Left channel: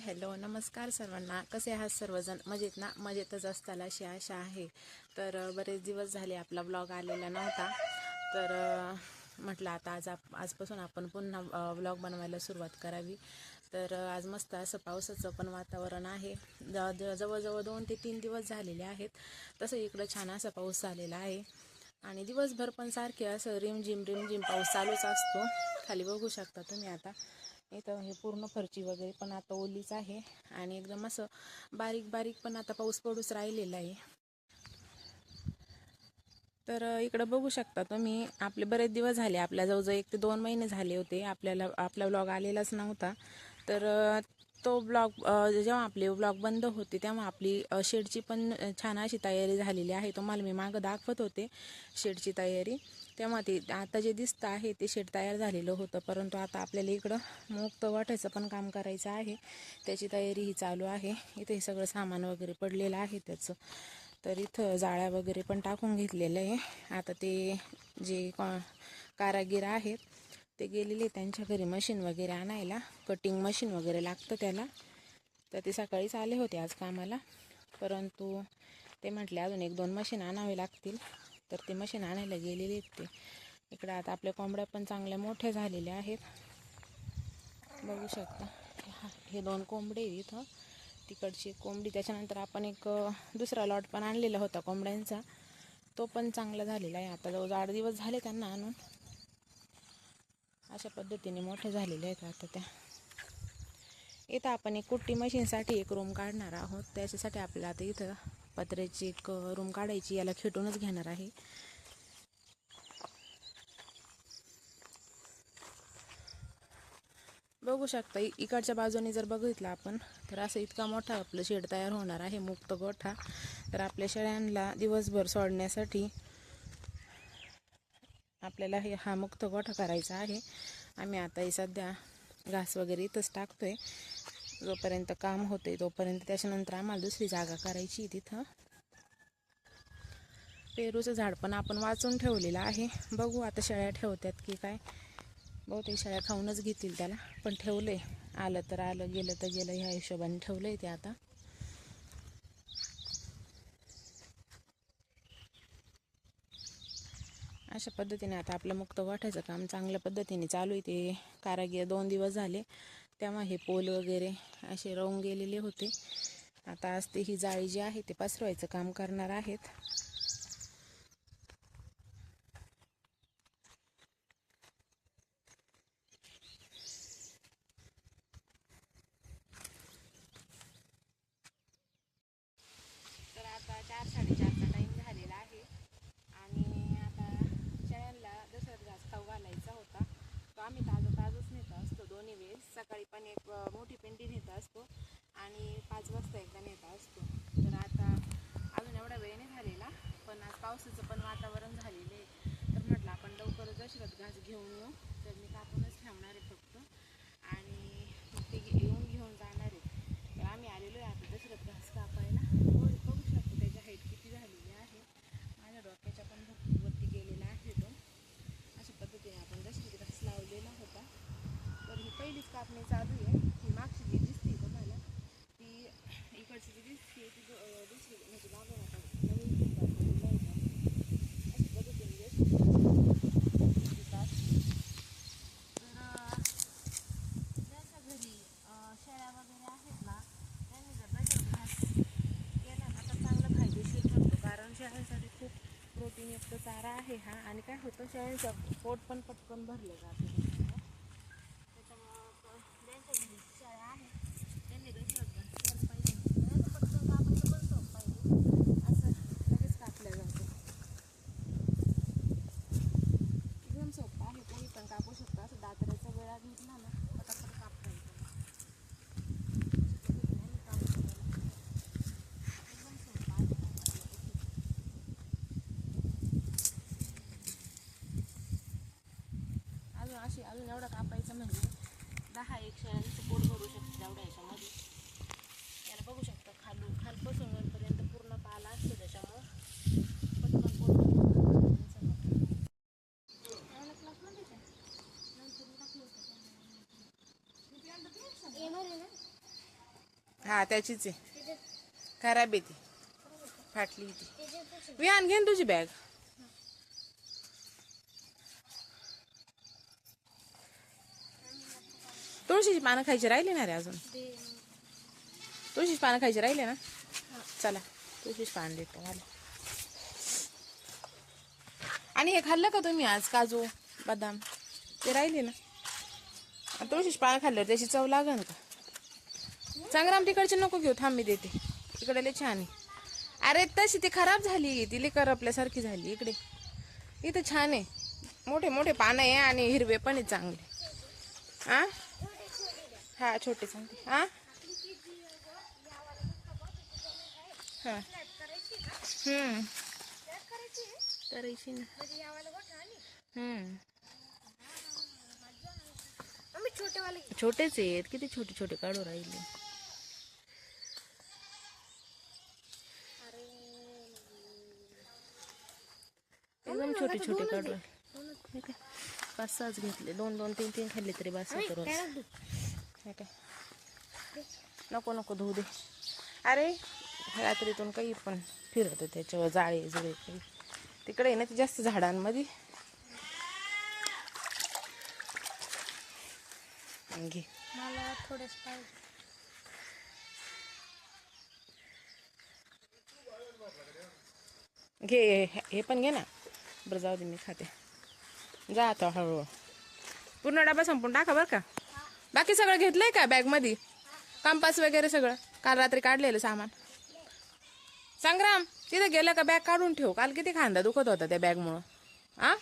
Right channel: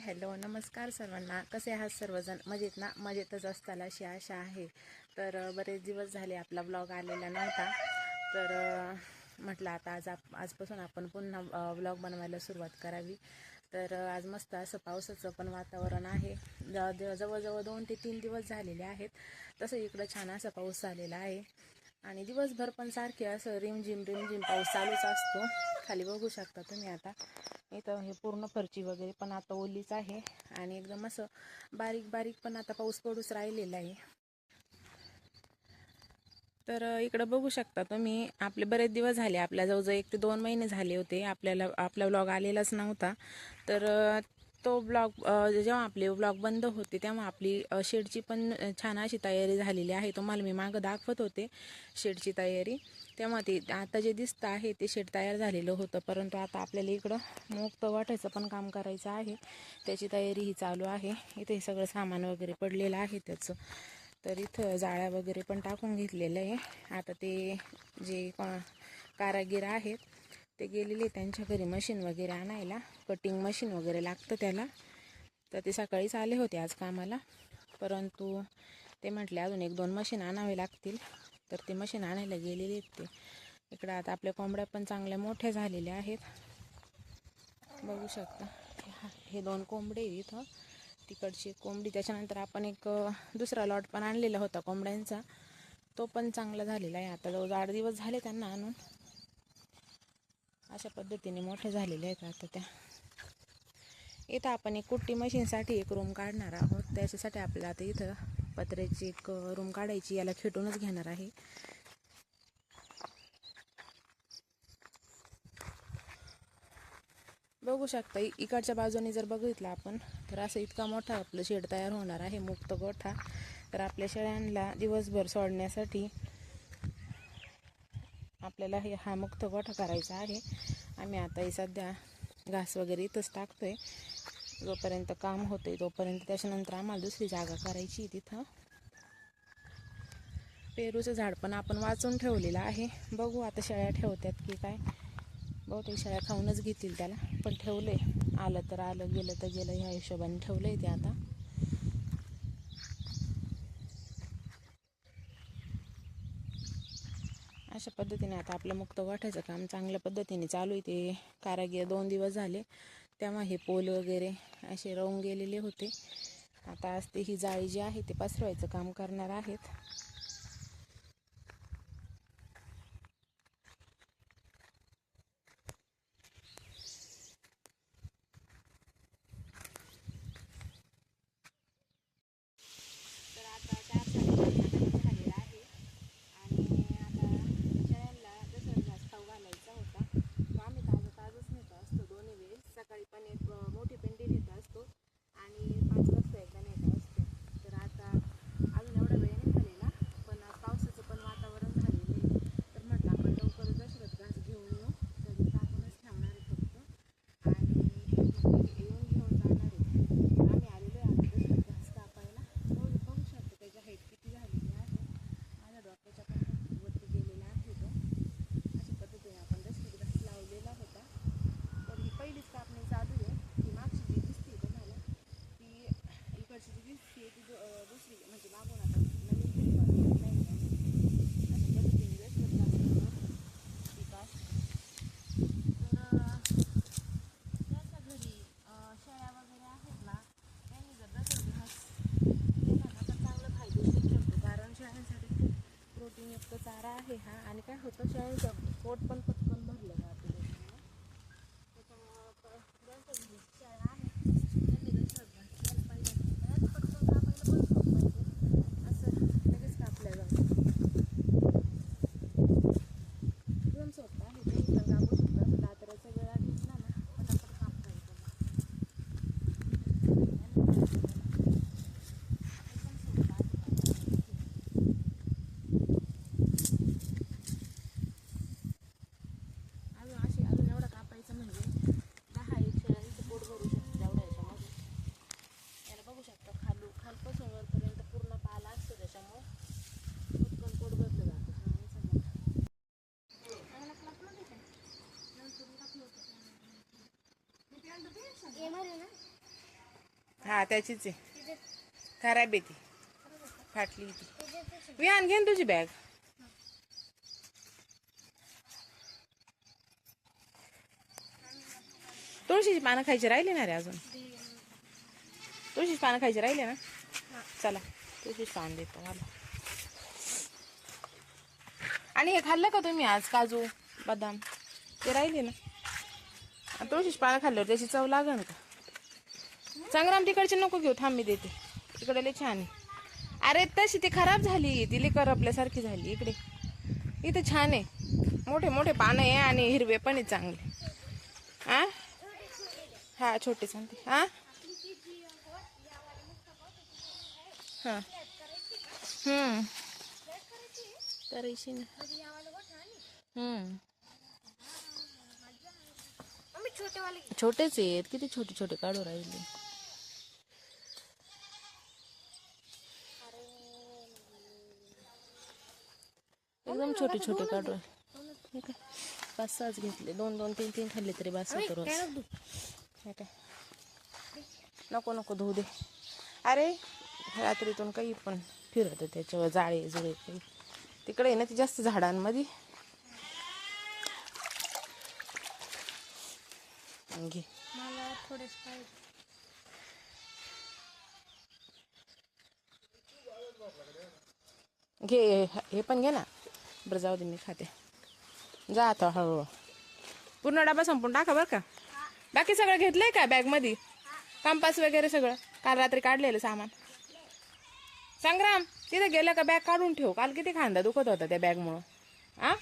Hello नमस्कार सर्वांना. कसे आहात सर्वजण? मजेत ना? मजेतच असताल अशी आशा आहे. तर बरेच दिवस झाले आपला ब्लॉग आलेला नव्हता, तर म्हटलं आता आजपासून आपण पुन्हा ब्लॉग बनवायला सुरुवात करावी. तर आज मस्त असं पावसाचं पण वातावरण आहे. जवळजवळ 2 ते 3 दिवस झालेले आहेत. तसं इकडं छान असा पाऊस झालेला आहे आणि दिवसभर पण सारखे असं रिमझिम पाऊस चालूच असतो. खाली बघू शकता तुम्ही. आता इथं हे पूर्ण फरची वगैरे पण आता ओलीच आहे आणि एकदम असं बारीक पण आता पाऊस पडूच राहिलेला आहे. तर इकडं बघू शकता तुम्ही. आपले बरेच दिवस झाले, आपल्या जवळजवळ 1 ते 2 महिने झाले होते आपला ब्लॉग आलेलाच नव्हता. तर तो ब्लॉग जेव्हा आपले ब्लॉग बंद होते तेव्हा आपली शेडची पण छान अशी तयारी झालेली आहे. तुम्हाला मी मागं दाखवत होते शेडची तयारी. तेव्हा ते आता जे दिसतं आहे ते शेड तयार झालेलं होतं, परंतु आता आपल्याला इकडं मुक्त वाटायचं पण काम करायचं आहे. त्याची तयारी ही चालू आहे. इथे सगळं सामान वगैरे पडलेलं आहे त्याचं. तर इथं जाळ्या वगैरे पण टाकून घेतलेलं आहे. आता ते जे कारागीर आहेत ते गेलेले त्यांच्या घरी मशीन वगैरे आणायला. कटिंग मशीन वगैरे लागतं त्याला. तर ते सकाळीच आले होते आज कामाला, परंतु ते म्हटले अजून 1-2 मशीन आणावे लागतील. तर ते मशीन आणायला गेलेले आहेत ते. इकडं आता आपल्या कोंबड्या पण चांगल्या मोठ्या झालेल्या आहेत. बघू शकता हे 2 कोंबडे इथं. तिकडची कोंबडी. त्याच्यानंतर आपण एक दुसरा लॉट पण आणलेला होता कोंबड्यांचा, तो पण चांगला झालेला आहे. आता जवळ 8 दिवस झाले त्यांना आणून. अशा पद्धतीने मोठे झालेले आहेत आता त्या. इथं आपण एक कुट्टी मशीनसाठी एक रूम काढणार आहोत. त्याच्यासाठी आपल्याला आता इथं पत्र्याची एक रूम काढायची. याला खेटूनच घेणार आहे. बघू शकता इकडच्या बाजूने जर बघितलं आपण तर असं इतका मोठा आपलं शेड तयार होणार आहे, मुक्त गोठा. तर आपल्या शेळ्यांना दिवसभर सोडण्यासाठी आपल्याला हा मुक्त गोठा करायचा आहे. आम्ही आता हे सध्या घास वगैरे इथंच टाकतोय जोपर्यंत काम होतंय तोपर्यंत. त्याच्यानंतर आम्हाला दुसरी जागा करायची तिथं. पेरूचं झाड पण आपण वाचून ठेवलेलं आहे. बघू आता शेळ्या ठेवतात की काय. बहुतेक शेळ्या खाऊनच घेतील त्याला, पण ठेवले. आलं तर आलं, गेलं तर गेलं, ह्या हिशोबाने ठेवलंय ते आता. अशा पद्धतीने आता आपलं मुक्त गोठ्याचं काम चांगल्या पद्धतीने चालू आहे. ते कारागीर 2 दिवस झाले तेव्हा हे पोल वगैरे असे राहून गेलेले होते. आता आज ते ही जाळी जी आहे ते पसरवायचं काम करणार आहेत. तर आता 4-4:30चा टाईम झालेला आहे आणि आता शेळ्यांना जसं घास खाऊ घालायचा होता तो आम्ही ताजंच नेत असतो दोन्ही वेळेस. सकाळी पण एक मोठी पेंडी नेत असतो आणि 5 वाजता एकदा नेत असतो. तर आता अजून एवढा वेळ नाही झालेला, पण आज पावसाचं पण वातावरण झालेलं आहे. तर म्हटलं आपण लवकरच दशरथ घास घेऊन येऊ. तर मी कापूनच ठेवणार आहे फक्त आणि येऊन घेऊन जाणार आहे. तर आम्ही आलेलो आहे आता दशरथ घास कापायला. बघू शकतो त्याची हाईट किती झालेली आहे. माझ्या डोक्याच्या पण वरती गेलेला आहे तो. अशा पद्धतीने आपण दशरथ घास लावलेला होता. तर ही पहिलीच कापणी चालू आहे. ही मागची जी दिसते तुम्हाला ती इकडची जी दिसते ती दुसरी म्हणजे मागून आपण नवीन अशा पद्धतीने ज्यांच्या घरी शेळ्या वगैरे आहेत ना त्यांनी जर दशरथ घास केला ना तर चांगलं फायदेशीर ठरतो. कारण शेळ्यांसाठी खूप प्रोटीनयुक्त चारा आहे हा. आणि काय होतं, शेळ्यांचं पोट पण पटकन भरलं जातं त्याच्यामुळं ज्यांच्या घरी शेळ्या आहेत त्यांनी दशरथ घास केला पाहिजे. पटकन कापायला पण सोपं पाहिजे, असं लगेच कापलं जातं. एकदम सोपं आहे. तुम्ही पण कापू शकता. कातऱ्याचा वेळा घेतला ना पटापट कापता येतो. एकदम सोपं आहे. अजून असे हा त्याचीच आहे, खराब आहे ती, फाटली ती. विहान घेन तुझी बॅग. तुळशीची पानं खायची राहिली ना रे अजून. तुळशीची पानं खायची राहिले ना. चला तुळशीची पान देतो मला. आणि हे खाल्लं का तुम्ही आज, काजू बदाम ते राहिले ना. तुळशीची पानं खाल्ल्यावर त्याची चव लागन का. संग्राम तिकडची नको घेऊ, थांब मी देते. इकडे लय छान आहे. अरे तशी ती खराब झाली, ती लय करपल्यासारखी झाली. इकडे इथे छान आहे, मोठे मोठे पानं आहे आणि हिरवे पण आहे चांगले. हा हा छोटे सांगते. हा हा करायची ना. छोटेच आहेत, किती छोटे छोटे काढू राहिले. एकदम छोटे छोटे काढू. 5-6 घेतले, 2-2 3-3 खाल्ले तरी बस होतं रोज. हे काय नको नको धुऊ दे. अरे रात्रीतून काही पण फिरत त्याच्यावर, जाळे जुळे काही तिकडे आहे ना, ती जास्त झाडांमध्ये. घे मला थोडेच पाहिजे. घे हे पण घे ना. बरं जाऊ दे, मी खाते. जा आता हळूहळू. पूर्ण डबा संपून टाका बरं का. बाकी सगळं घेतलंय का बॅगमध्ये, कंपास वगैरे सगळं काल रात्री काढलेलं सामान. संग्राम तिथे गेलं का बॅग काढून ठेव, काल किती खांदा दुखत होता त्या बॅगमुळं. आ